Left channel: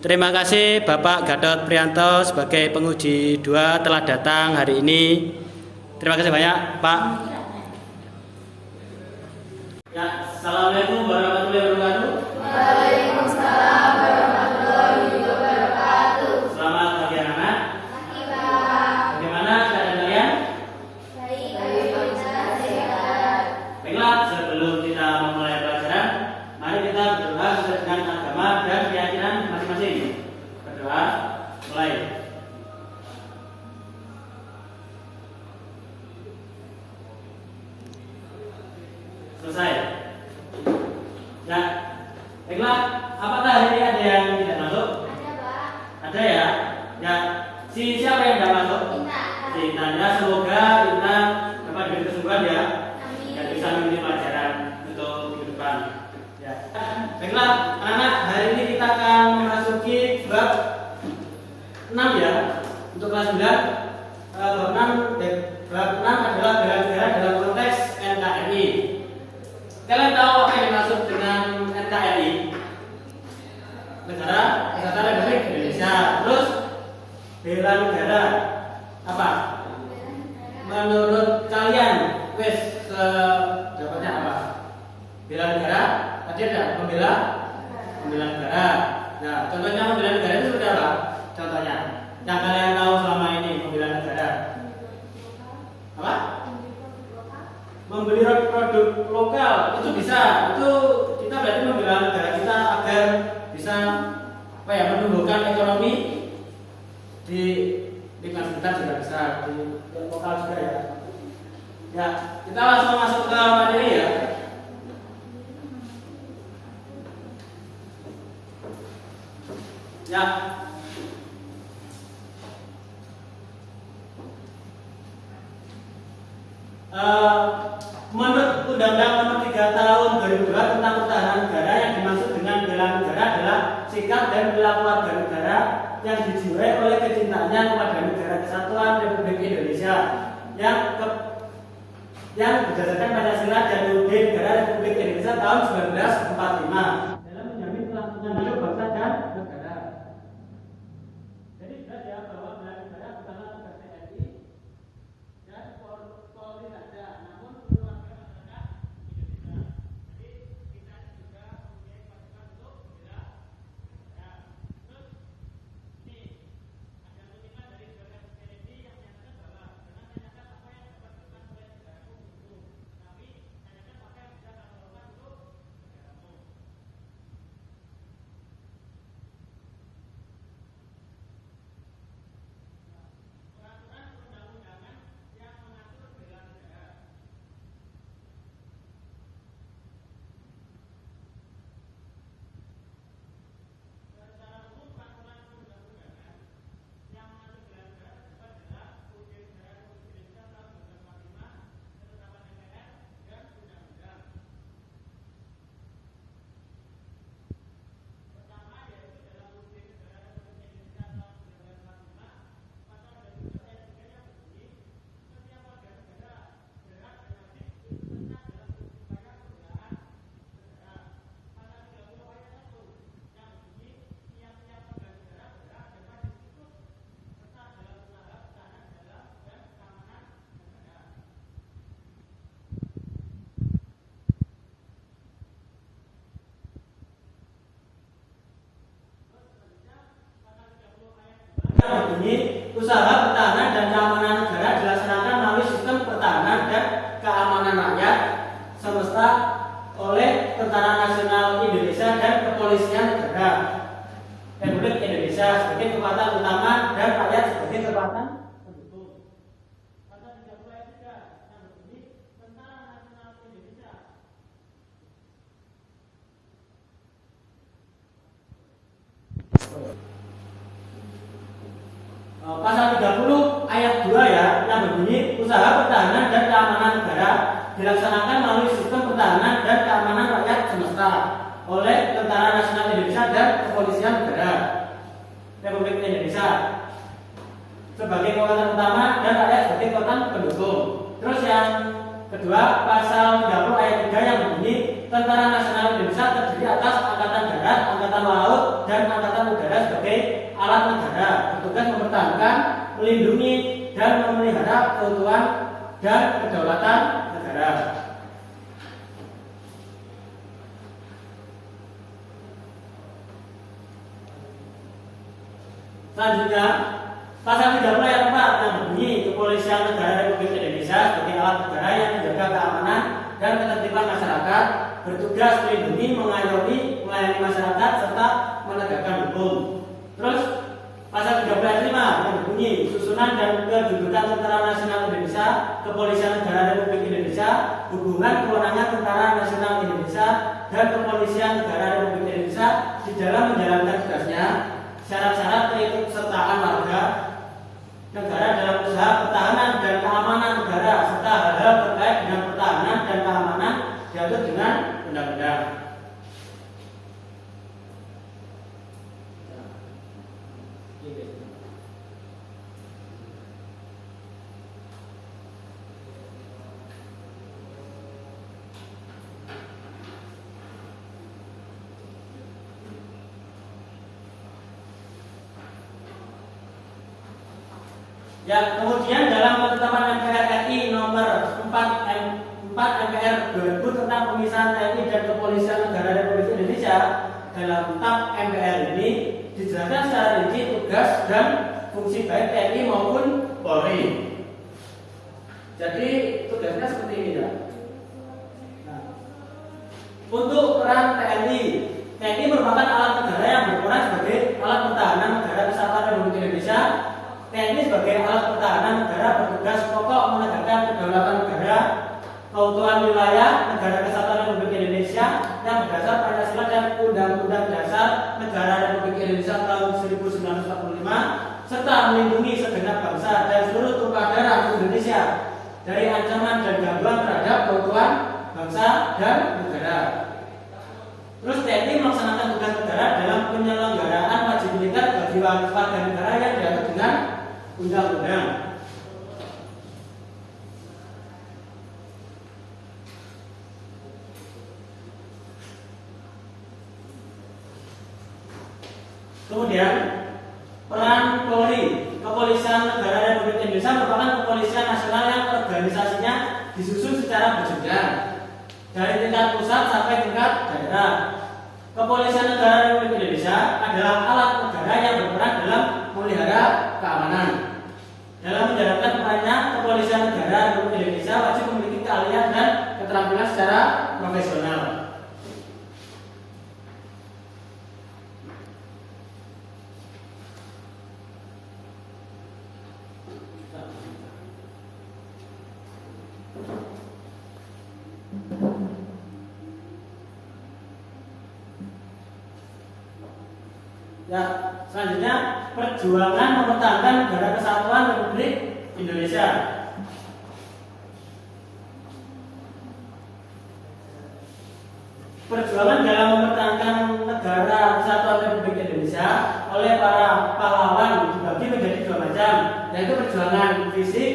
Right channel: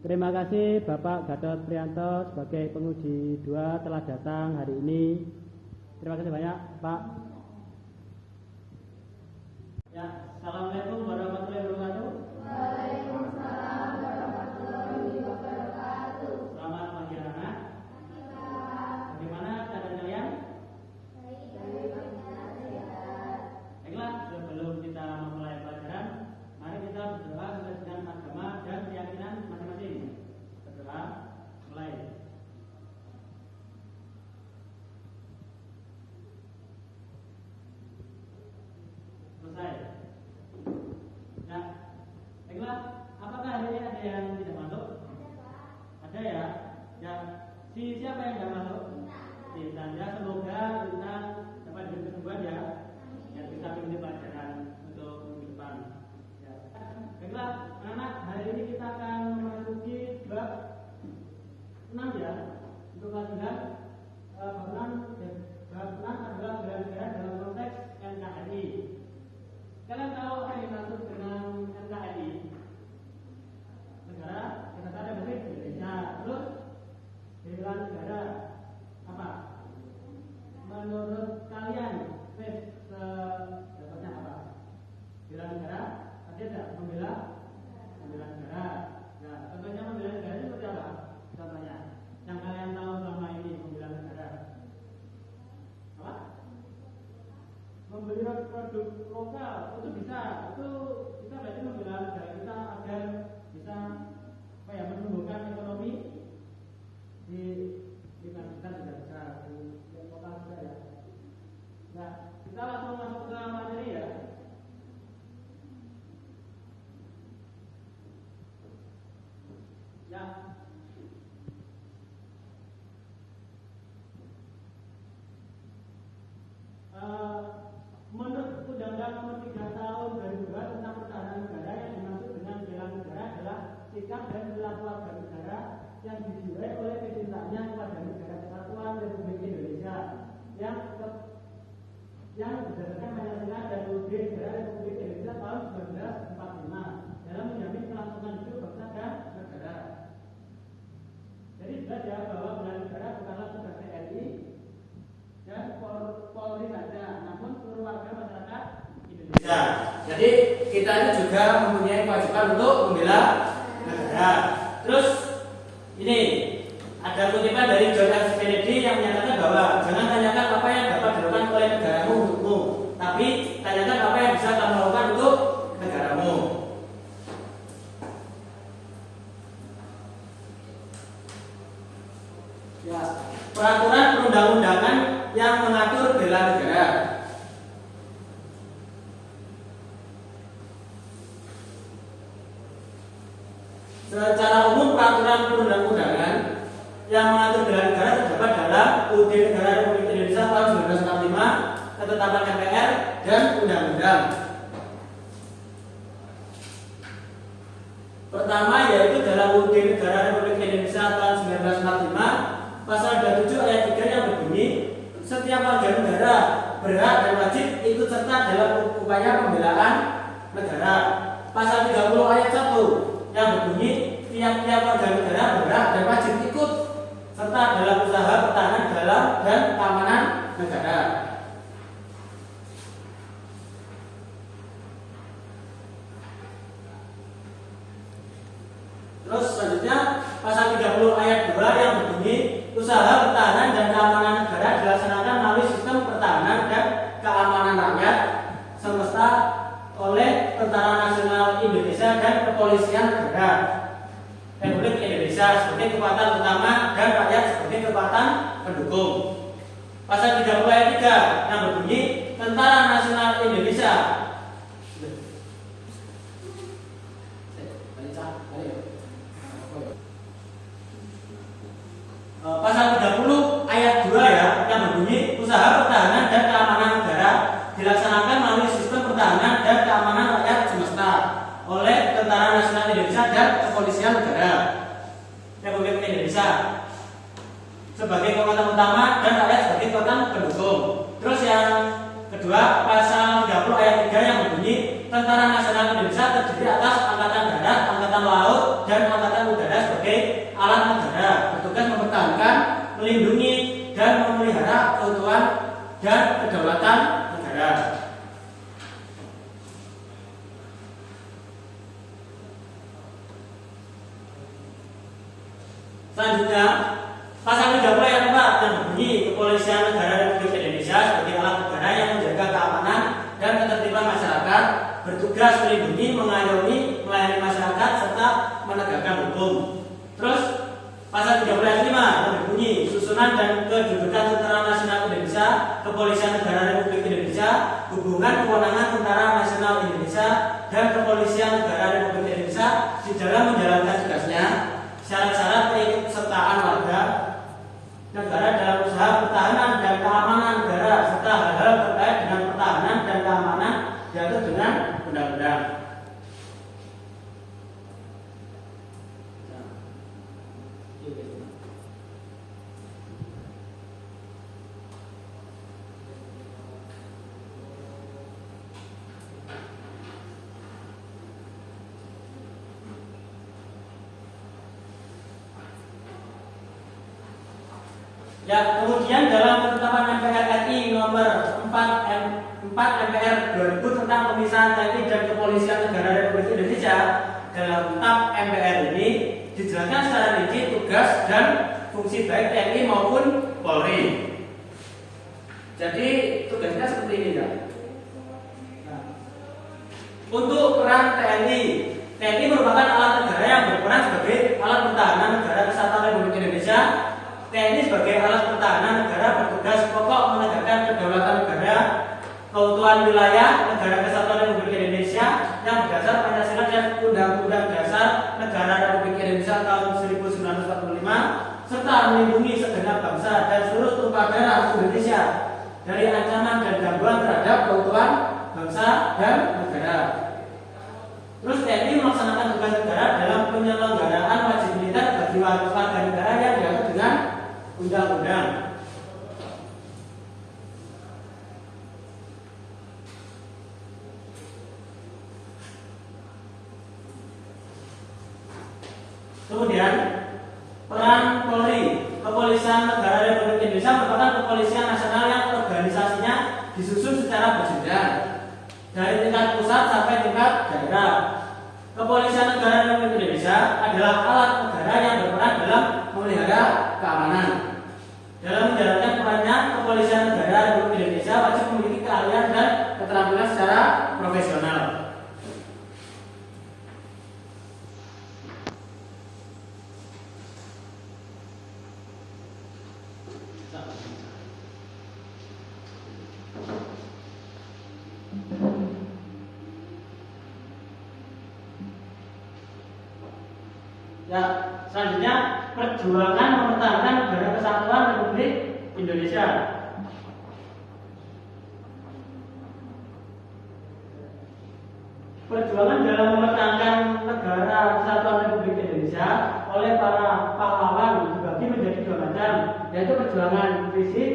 Terima kasih Bapak Gatot Prianto sebagai penguji 2 telah datang hari ini. Terima kasih banyak Pak. Ya, Assalamualaikum warahmatullahi wabarakatuh. Waalaikumsalam warahmatullahi wabarakatuh. Selamat pagi anak-anak. Pagi Pak. Bagaimana keadaan kalian? Baik, alhamdulillah sehat. Baiklah, sebelum kita memulai pelajaran, mari kita berdoa sesuai dengan agama dan keyakinan masing-masing. Berdoa, mulai. Selesai. Ya, baiklah. Apakah hari ini ada yang tidak masuk? Ada Pak. Ada ya. Ya, siapa yang tidak masuk? Kita. Ceritanya semoga kita dapat diberi kesempatan ya. Amin. Dan bisa mengikuti pelajaran untuk minggu depan. Ya. Baiklah, anak-anak, hari ini kita akan memasuki bab 6 ya. Untuk kelas 9, bab 6 adalah bela negara dalam konteks NKRI. Kalian tahu apa yang dimaksud dengan NKRI? Negara Kesatuan Republik Indonesia. Terus bela negara apa? Menurut kalian, dapatnya apa? Bela negara? Tadi ada membela negara. Nah, contohnya membela negara itu seperti apa? Contohnya, yang kalian tahu selama ini membela negara. Apa? Membeli produk lokal itu bisa. Itu kita berarti membela negara kita agar bisa menumbuhkan ekonomi di lingkungan sekitar juga bisa, di lokal juga ya. Ya, kita langsung masuk ke materi ya. Ya. Menurut Undang-Undang Nomor 3 Tahun 2002 tentang Pertahanan Negara, yang dimaksud dengan bela negara adalah sikap dan perilaku warga negara yang dijiwai oleh kecintaannya kepada negara kesatuan Republik Indonesia yang berdasarkan Pancasila dan UUD Negara Republik Indonesia tahun 1945 dalam menjamin kelangsungan hidup bangsa dan negara. Jadi saja bahwa bela negara bukanlah tugas TNI dan Polri saja, namun seluruh warga masyarakat Indonesia. Jadi kita ini juga mempunyai kewajiban untuk membela negara. Terus ini ada kutipan dari John F. Kennedy yang menyatakan bahwa jangan tanyakan apa yang dapat dilakukan oleh negaramu untukmu, tapi tanyakan apa yang bisa kamu lakukan untuk negaramu. Ya, peraturan perundang-undangan yang mengatur bela negara. Secara umum peraturan perundang-undangan yang mengatur bela negara terdapat dalam UUD Negara Republik Indonesia tahun 1945, Ketetapan MPR dan Undang-Undang. Pertama yaitu dalam UUD Negara Republik Indonesia tahun 1945, pasal 27 ayat 3 yang berbunyi, setiap warga negara berhak dan wajib ikut serta dalam upaya pembelaan negara. Pasal 30 ayat 1 yang berbunyi, tiap-tiap warga negara berhak dan wajib ikut serta dalam usaha pertahanan dalam dan keamanan negara. Terus selanjutnya pasal 30 ayat 2 yang berbunyi, usaha pertahanan dan keamanan negara dilaksanakan melalui sistem pertahanan dan keamanan rakyat semesta oleh Tentara Nasional Indonesia dan Kepolisian Negara Republik Indonesia sebagai kekuatan utama dan rakyat sebagai kekuatan pendukung. Pasal 30 ayat 3 yang berbunyi, Tentara Nasional Indonesia pasal 30 ayat 2 ya yang berbunyi, usaha pertahanan dan keamanan negara dilaksanakan melalui sistem pertahanan dan keamanan rakyat semesta oleh Tentara Nasional Indonesia dan Kepolisian Negara Republik Indonesia sebagai kekuatan utama dan rakyat sebagai kekuatan pendukung. Terus yang kedua, pasal 30 ayat 3 yang berbunyi, Tentara Nasional Indonesia terdiri atas Angkatan Darat, Angkatan Laut, dan Angkatan Udara sebagai alat negara, bertugas mempertahankan, melindungi, dan memelihara keutuhan dan kedaulatan negara. Selanjutnya, pasal 30 ayat 4 yang berbunyi Kepolisian Negara Republik Indonesia sebagai alat negara yang menjaga keamanan dan ketertiban masyarakat, bertugas melindungi, mengayomi, melayani masyarakat serta menegakkan hukum. Terus pasal 13 ayat 5 yang berbunyi susunan dan kedudukan Tentara Nasional Indonesia, Kepolisian Negara Republik Indonesia, hubungan kewenangan Tentara Nasional Indonesia dan Kepolisian Negara Republik Indonesia di dalam menjalankan tugasnya, syarat-syarat keikutsertaan warga negara dalam usaha pertahanan dan keamanan negara serta hal-hal terkait dengan pertahanan dan keamanan diatur dengan undang-undang. Ya, kemudian dalam ketetapan MPR RI nomor 4 MPR 2000 tentang pemisahan TNI dan Kepolisian Negara Republik Indonesia, dalam TAP MPR ini dijelaskan secara rinci tugas dan fungsi baik TNI maupun Polri. Jadi tugasnya seperti ini ya. Nah, untuk peran TNI merupakan alat negara yang berperan sebagai alat pertahanan negara kesatuan Republik Indonesia. TNI sebagai alat pertahanan negara bertugas pokok menegakkan kedaulatan negara, keutuhan wilayah negara kesatuan Republik Indonesia yang berdasar Pancasila dan Undang-Undang Dasar Negara Republik Indonesia tahun 1945, serta melindungi segenap bangsa dan seluruh tumpah darah Indonesia dari ancaman dan gangguan terhadap keutuhan bangsa dan negara. Terus TNI melaksanakan tugas negara dalam penyelenggaraan wajib militer bagi warga negara yang diatur dengan undang-undang. Kemudian peran Polri, Kepolisian Negara Republik Indonesia merupakan kepolisian nasional yang organisasinya disusun secara berjenjang dari tingkat pusat sampai tingkat daerah. Kepolisian Negara Republik Indonesia adalah alat negara yang berperan dalam memelihara keamanan. Dalam menjalankan perannya, Kepolisian Negara Republik Indonesia wajib memiliki keahlian dan keterampilan secara profesional. Ya, selanjutnya perjuangan mempertahankan negara kesatuan Republik Indonesia. Perjuangan dalam mempertahankan negara kesatuan Republik Indonesia oleh para pahlawan dibagi menjadi dua macam, yaitu perjuangan fisik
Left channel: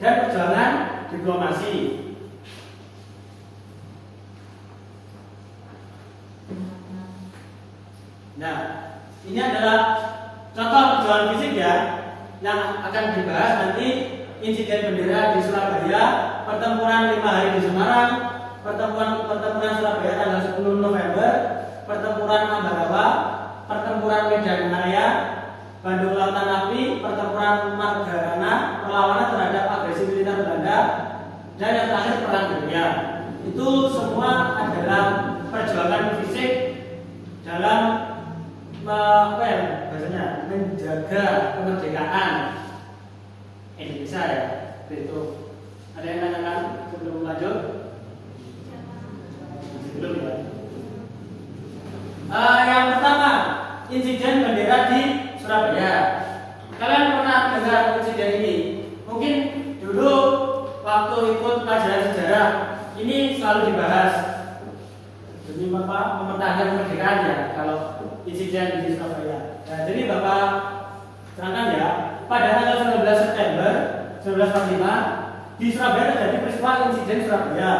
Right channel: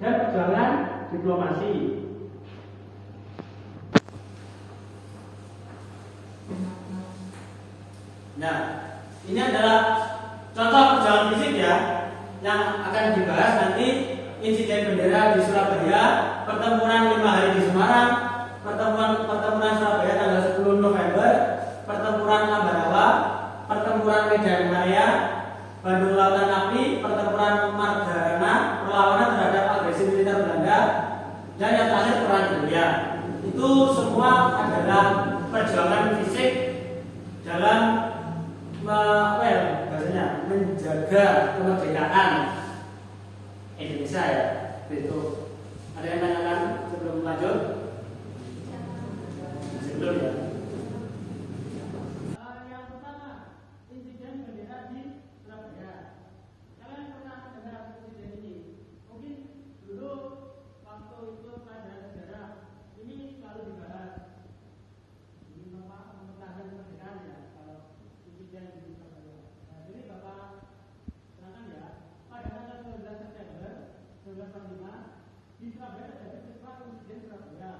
dan perjuangan diplomasi. Nah, ini adalah contoh perjuangan fisik ya, yang akan dibahas nanti: insiden bendera di Surabaya, pertempuran 5 hari di Semarang, pertempuran Surabaya tanggal 10 November, pertempuran Ambarawa, pertempuran Medan Area, Bandung Lautan Api, pertempuran Margarana, perlawanan terhadap agresi militer Belanda, dan yang terakhir perang dunia. Itu semua adalah perjuangan fisik dalam menjaga kemerdekaan Indonesia ya. Itu ada yang tanyakan sebelum lanjut? Belum ya. Yang pertama, insiden bendera di Surabaya. Kalian pernah dengar insiden ini? Mungkin dulu waktu ikut pelajaran sejarah ini selalu dibahas. Demi mempertahankan kemerdekaan ya, kalau insiden di Surabaya. Nah, jadi Bapak terangkan ya, pada tanggal 19 September 1945 di Surabaya terjadi peristiwa insiden Surabaya.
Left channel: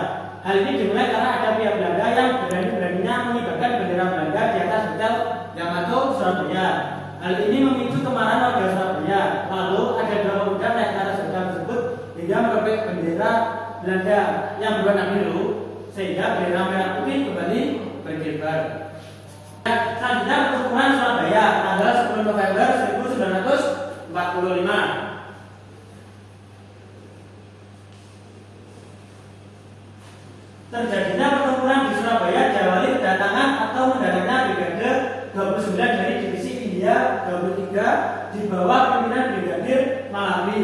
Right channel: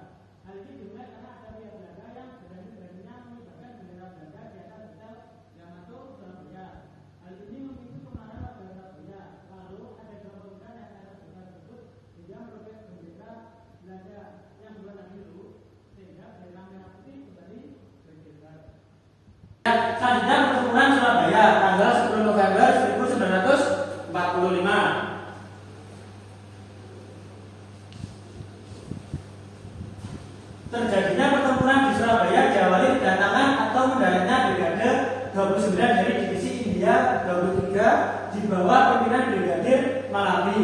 Hal ini dimulai karena ada pihak Belanda yang Surabaya. Hal ini memicu kemarahan warga Surabaya. Lalu ada dua pemuda naik ke atas sepeda tersebut hingga merobek bendera Belanda yang berwarna biru sehingga bendera merah putih kembali berkibar. Selanjutnya pertempuran Surabaya tanggal 10 November 1945. Terjadinya pertempuran di Surabaya diawali kedatangan atau mendaratnya Brigade 29 dari Divisi India 23 di bawah pimpinan Brigadir Malabi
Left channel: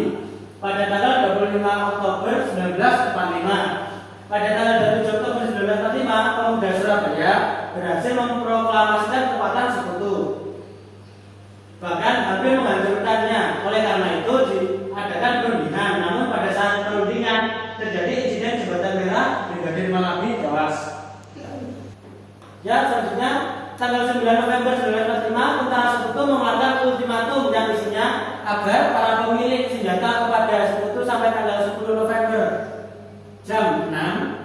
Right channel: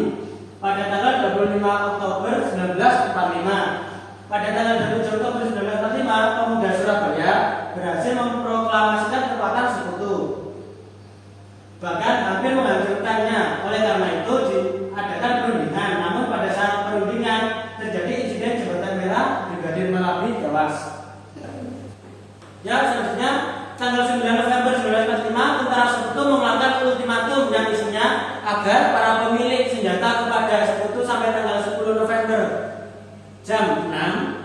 pada tanggal 25 Oktober 1945. Pada tanggal 27 Oktober 1945, pemuda Surabaya berhasil memproklamasikan kekuatan sekutu, bahkan hampir menghancurkannya. Oleh karena itu diadakan perundingan. Namun pada saat perundingan terjadi insiden jembatan merah, Brigadir Malabi tewas. Ya, selanjutnya tanggal 9 November 1945, tentara sekutu mengeluarkan ultimatum yang isinya agar para pemilik senjata kepada sekutu sampai tanggal 10 November jam 6.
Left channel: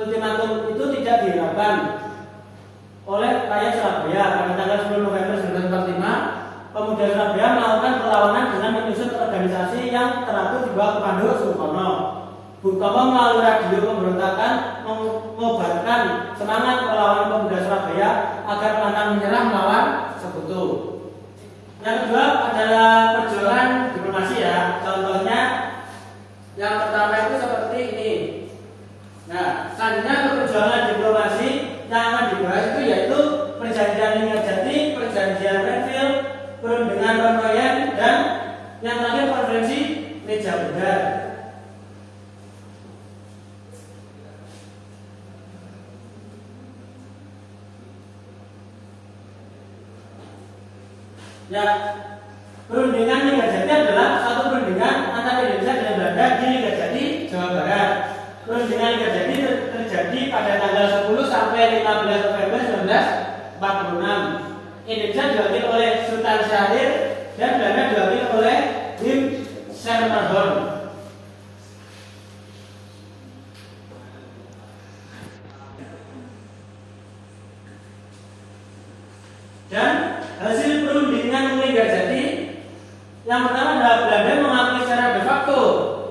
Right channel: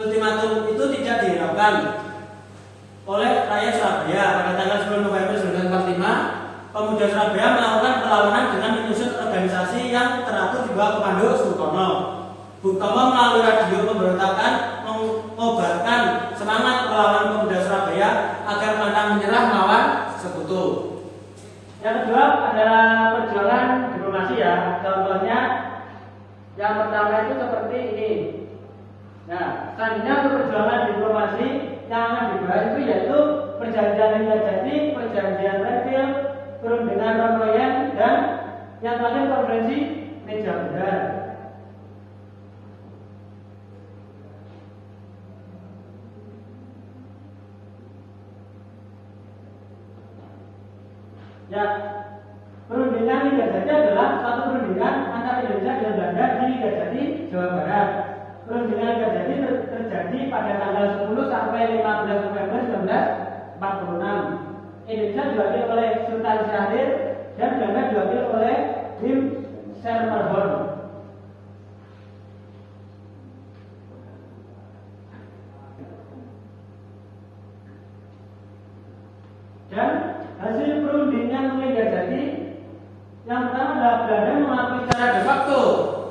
Ultimatum itu tidak dihiraukan oleh rakyat Surabaya. Pada tanggal 10 November 1945, pemuda Surabaya melakukan perlawanan dengan menyusun organisasi yang teratur di bawah komando Sukarno. Bung Tomo melalui radio pemberontakan mengobarkan semangat perlawanan pemuda Surabaya agar pantang menyerah melawan sekutu. Yang kedua adalah perjuangan diplomasi ya. Contohnya yang pertama itu seperti ini. Nah, selanjutnya untuk perjuangan diplomasi yang akan dibahas itu yaitu perjanjian Linggarjati, perjanjian Renville, perundingan Ronoyen, dan yang terakhir konferensi Meja Bundar. Ya, perundingan Linggarjati adalah satu perundingan antara Indonesia dan Belanda di Linggarjati, Jawa Barat. Perundingan Linggarjati terjadi pada tanggal 10 sampai 15 November 1946. Indonesia diwakili oleh Sultan Syahrir dan Belanda diwakili oleh Wim Selmerhorn. Dan hasil perundingan Linggarjati yang pertama adalah Belanda mengakui secara de facto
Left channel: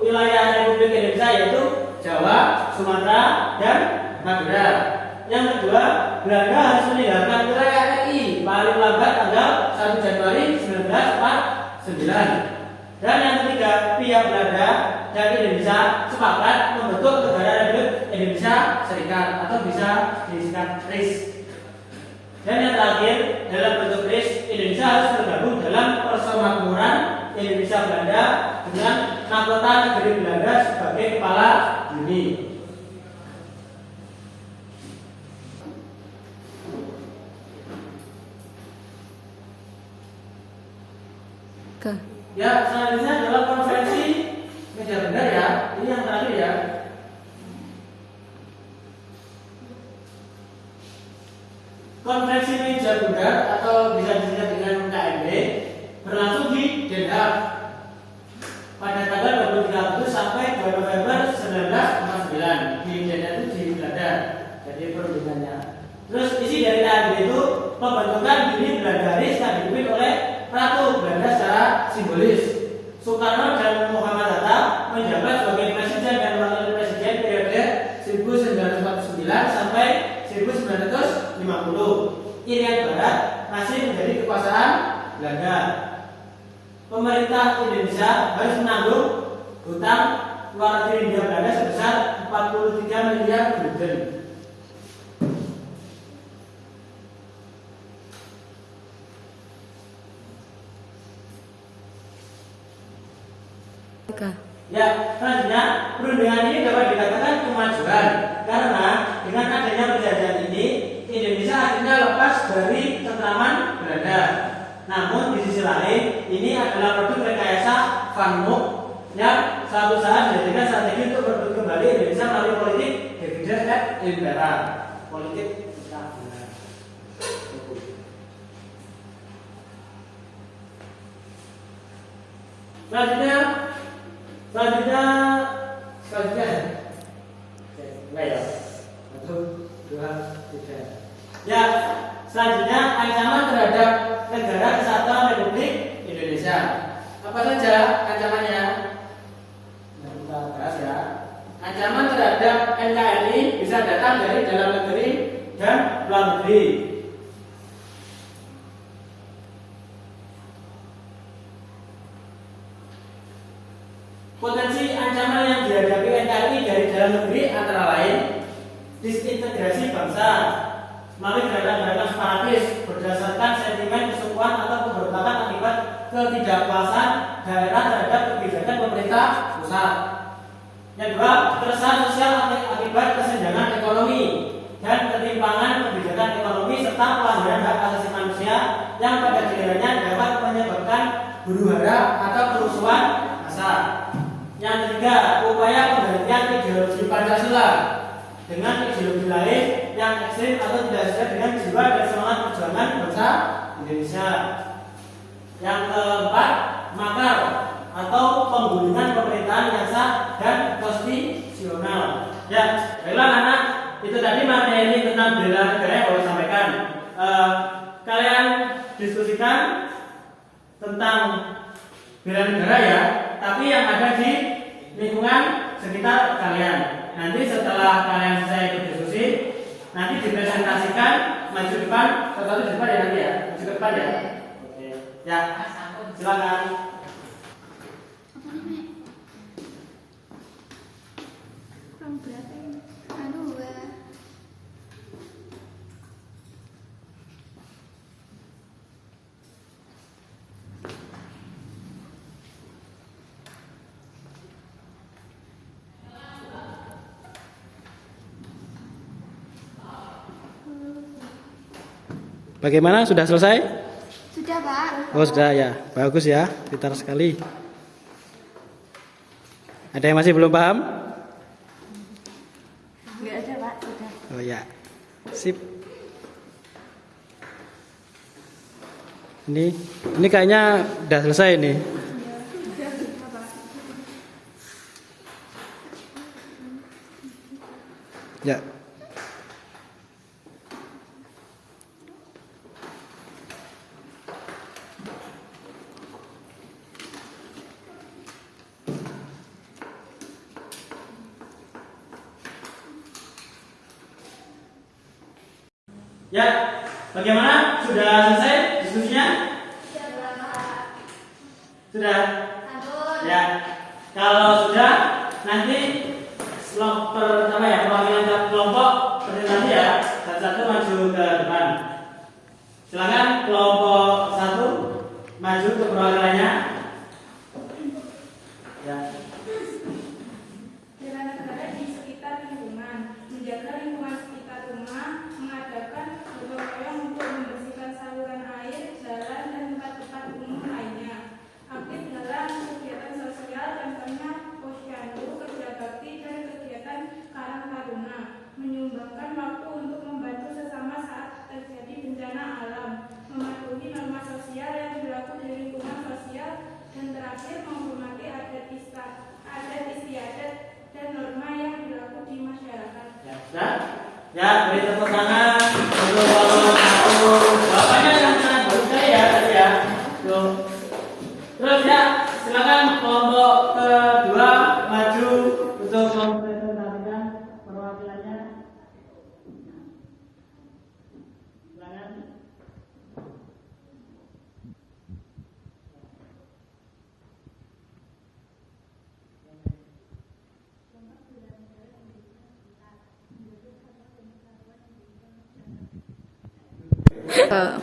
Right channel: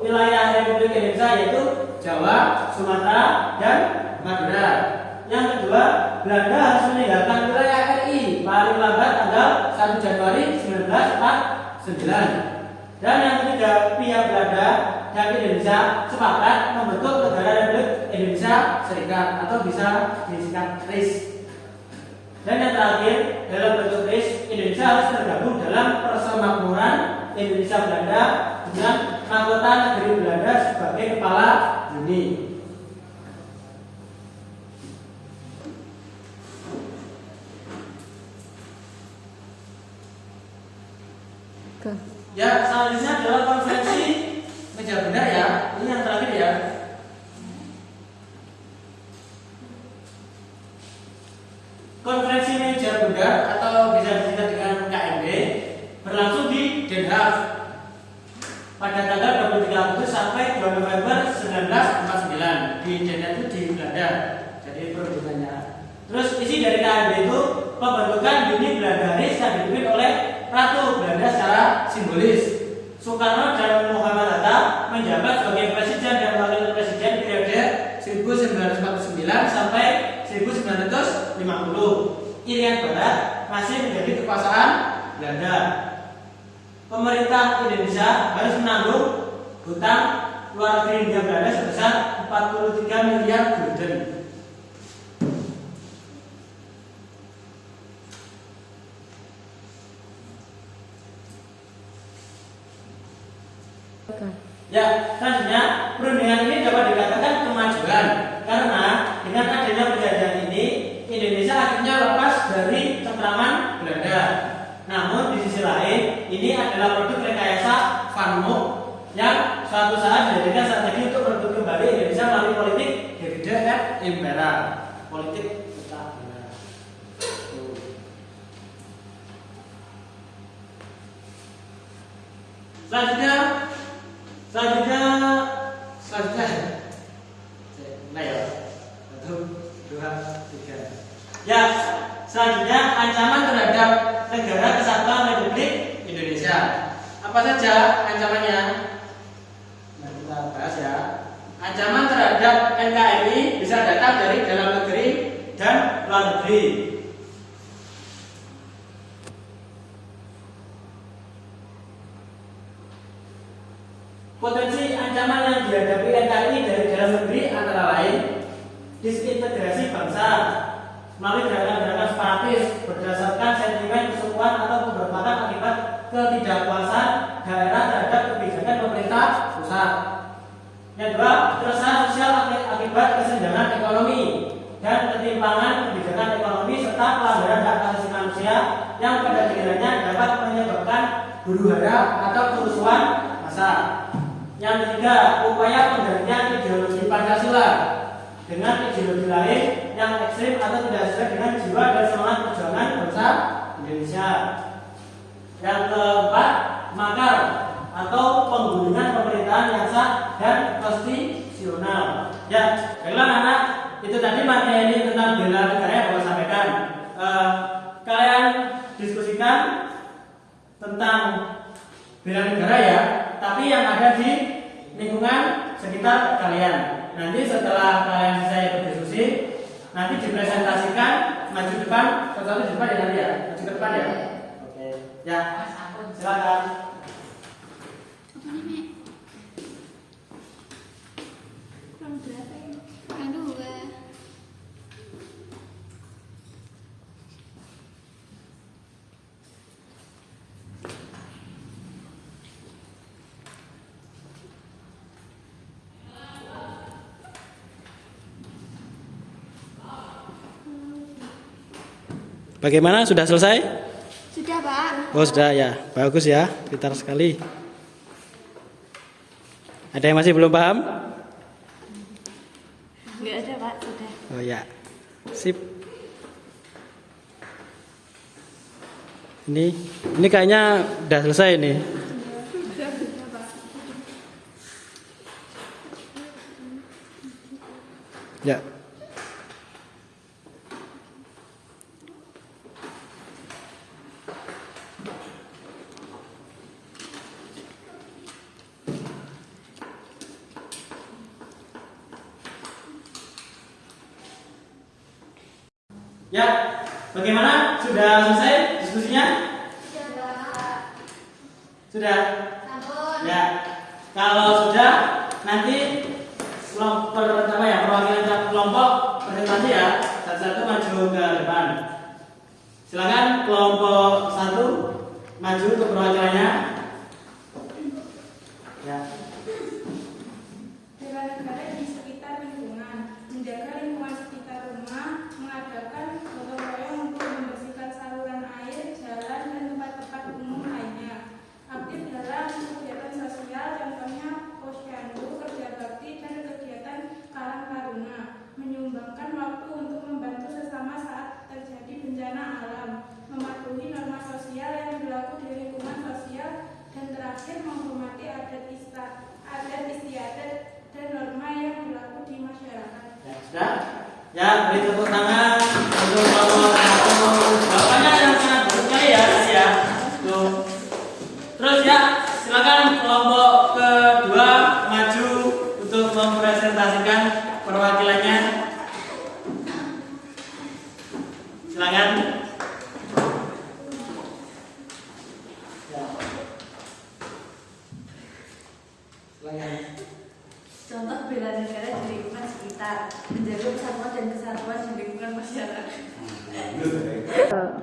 wilayah Republik Indonesia yaitu Jawa, Sumatera, dan Madura. Yang kedua, Belanda harus meninggalkan wilayah RI paling lambat tanggal 1 Januari 1949. Dan yang ketiga, pihak Belanda dan Indonesia sepakat membentuk negara Republik Indonesia Serikat atau bisa disingkat RIS. Dan yang terakhir, dalam bentuk RIS, Indonesia harus tergabung dalam Persemakmuran Indonesia Belanda dengan mahkota negeri Belanda sebagai kepala bumi. Ya, selanjutnya adalah konferensi Meja Bundar ya. Ini yang terakhir ya. Konferensi Meja Bundar atau bisa disingkat dengan KMB berlangsung di Den Haag pada tanggal 23 Agustus sampai 2 November 1949 di Den Haag itu di Belanda. Jadi perundingannya. Terus isi dari KMB itu pembentukan Bumi Belanda RIS yang dipimpin oleh Ratu Belanda secara simbolis. Soekarno dan Muhammad Hatta menjabat sebagai presiden dan wakil presiden periode 1949 sampai 1950. Irian Barat masih menjadi kekuasaan Belanda. Pemerintah Indonesia harus menanggung hutang luar negeri Hindia Belanda sebesar 43 miliar gulden. Ya, selanjutnya perundingan ini dapat dikatakan kemajuan karena dengan adanya perjanjian ini Indonesia akhirnya lepas dari cengkraman Belanda. Namun di sisi lain ini adalah produk rekayasa Van Mook yang suatu saat menjadikan strategi untuk merebut kembali Indonesia melalui politik divide et impera. Politik selanjutnya nah ya 1, 2, 3 ya selanjutnya ancaman terhadap Negara Kesatuan Republik Indonesia. Apa saja ancamannya? Nah, kita bahas ya. Ancaman terhadap NKRI bisa datang dari dalam negeri dan luar negeri. Potensi ancaman yang dihadapi NKRI dari dalam negeri antara lain disintegrasi bangsa melalui gerakan-gerakan separatis berdasarkan sentimen kesukuan atau pemberontakan akibat ketidakpuasan daerah terhadap kebijakan pemerintah pusat. Yang kedua, keresahan sosial akibat kesenjangan ekonomi dan ketimpangan kebijakan ekonomi serta pelanggaran hak asasi manusia yang pada gilirannya dapat menyebabkan huru-hara atau kerusuhan massa. Yang ketiga, upaya penggantian ideologi Pancasila dengan ideologi lain yang ekstrim atau tidak sesuai dengan jiwa dan semangat perjuangan bangsa Indonesia. Yang keempat, makar atau penggulingan pemerintahan yang sah dan konstitusional. Ya, baiklah anak, itu tadi materi tentang bela negara yang boleh sampaikan. Kalian diskusikan tentang bela negara ya, tapi yang ada di lingkungan sekitar kalian. Nanti setelah kalian selesai berdiskusi, nanti dipresentasikan maju depan, satu di depan ya nanti ya, maju ke depan ya. Oke, ya, silakan. Kurang berapa ini? Kurang 2. Bagaimana? Sudah selesai? Sudah, Pak. Oh sudah ya, bagus ya, pintar sekali. Ada yang masih belum paham? Enggak ada, Pak. Sudah. Oh ya, sip. Ini kayaknya udah selesai nih. Ya. Ya, bagaimana? Sudah selesai diskusinya? Sudah? Ya, kalau sudah nanti perwakilan kelompok presentasi ya, satu-satu maju ke depan. Silakan kelompok 1 maju ke perwakilannya. Ya. Bela negara di sekitar lingkungan, menjaga lingkungan sekitar rumah, mengadakan gotong royong untuk membersihkan saluran air, jalan, dan tempat-tempat umum lainnya. Aktif dalam kegiatan sosial, contohnya posyandu, kerja bakti, dan kegiatan karang taruna. Menyumbangkan waktu untuk membantu sesama saat terjadi bencana alam, mematuhi norma sosial yang berlaku di lingkungan sosial, dan terakhir menghormati adat istiadat dan norma yang berlaku di masyarakat. Ya, sudah? Ya, beri tepuk tangan untuk kelompok 1. Jawabannya yang sangat bagus sekali ya tadi ya. Tuh. Terus ya, silakan kelompok kedua maju untuk mempresentasikan perwakilannya. Silakan. Contoh bela negara di lingkungan sekitar, menjaga persatuan dan kesatuan di lingkungan masyarakat.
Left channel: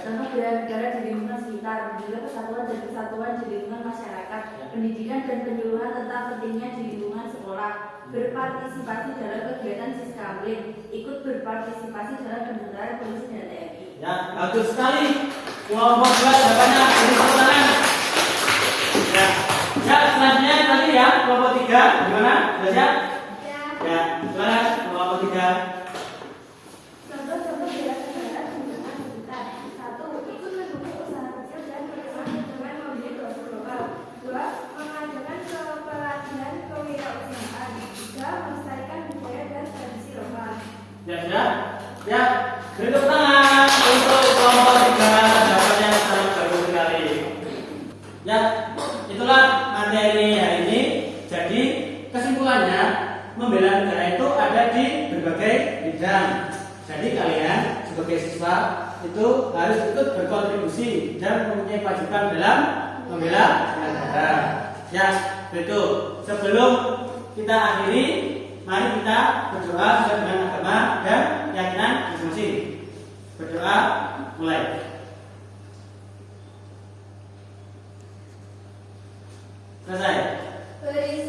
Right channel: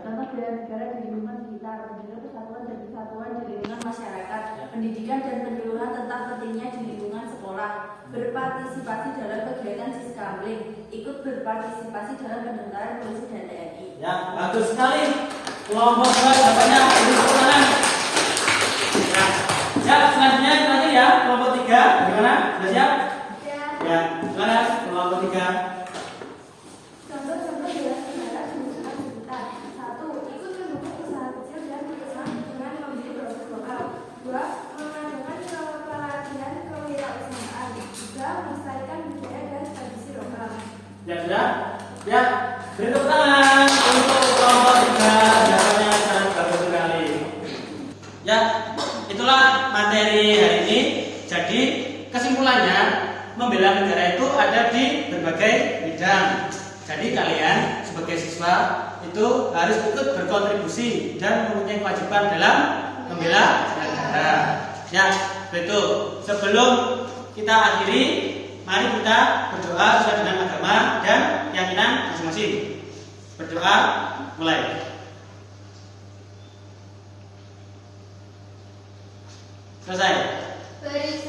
Contoh bela negara di lingkungan sekitar, menjaga persatuan dan kesatuan di lingkungan masyarakat, pendidikan dan penyuluhan tentang pentingnya di lingkungan sekolah, berpartisipasi dalam kegiatan Siskamling, ikut berpartisipasi dalam pembentukan polisi dan TNI. Ya, bagus sekali. Kelompok 2 jawabannya beri tepuk tangan. Ya. Ya, selanjutnya nanti ya, kelompok 3 gimana? Sudah siap? Ya, gimana? Kelompok 3. Contoh-contoh bela negara di lingkungan sekitar. 1. Ikut mendukung usaha kecil dan mengemas dengan membeli produk lokal. 2. Mengadakan pelatihan kewirausahaan. 3. Melestarikan budaya dan tradisi lokal. Ya, sudah? Ya, beri tepuk tangan untuk kelompok 3 jawabannya sangat bagus. di berbagai bidang. Jadi kalian sebagai siswa itu harus ikut berkontribusi dan mempunyai kewajiban dalam membela negara. Ya, betul. Sebelum kita akhiri, mari kita berdoa sesuai dengan agama dan keyakinan masing-masing. Berdoa, mulai. Selesai. Beri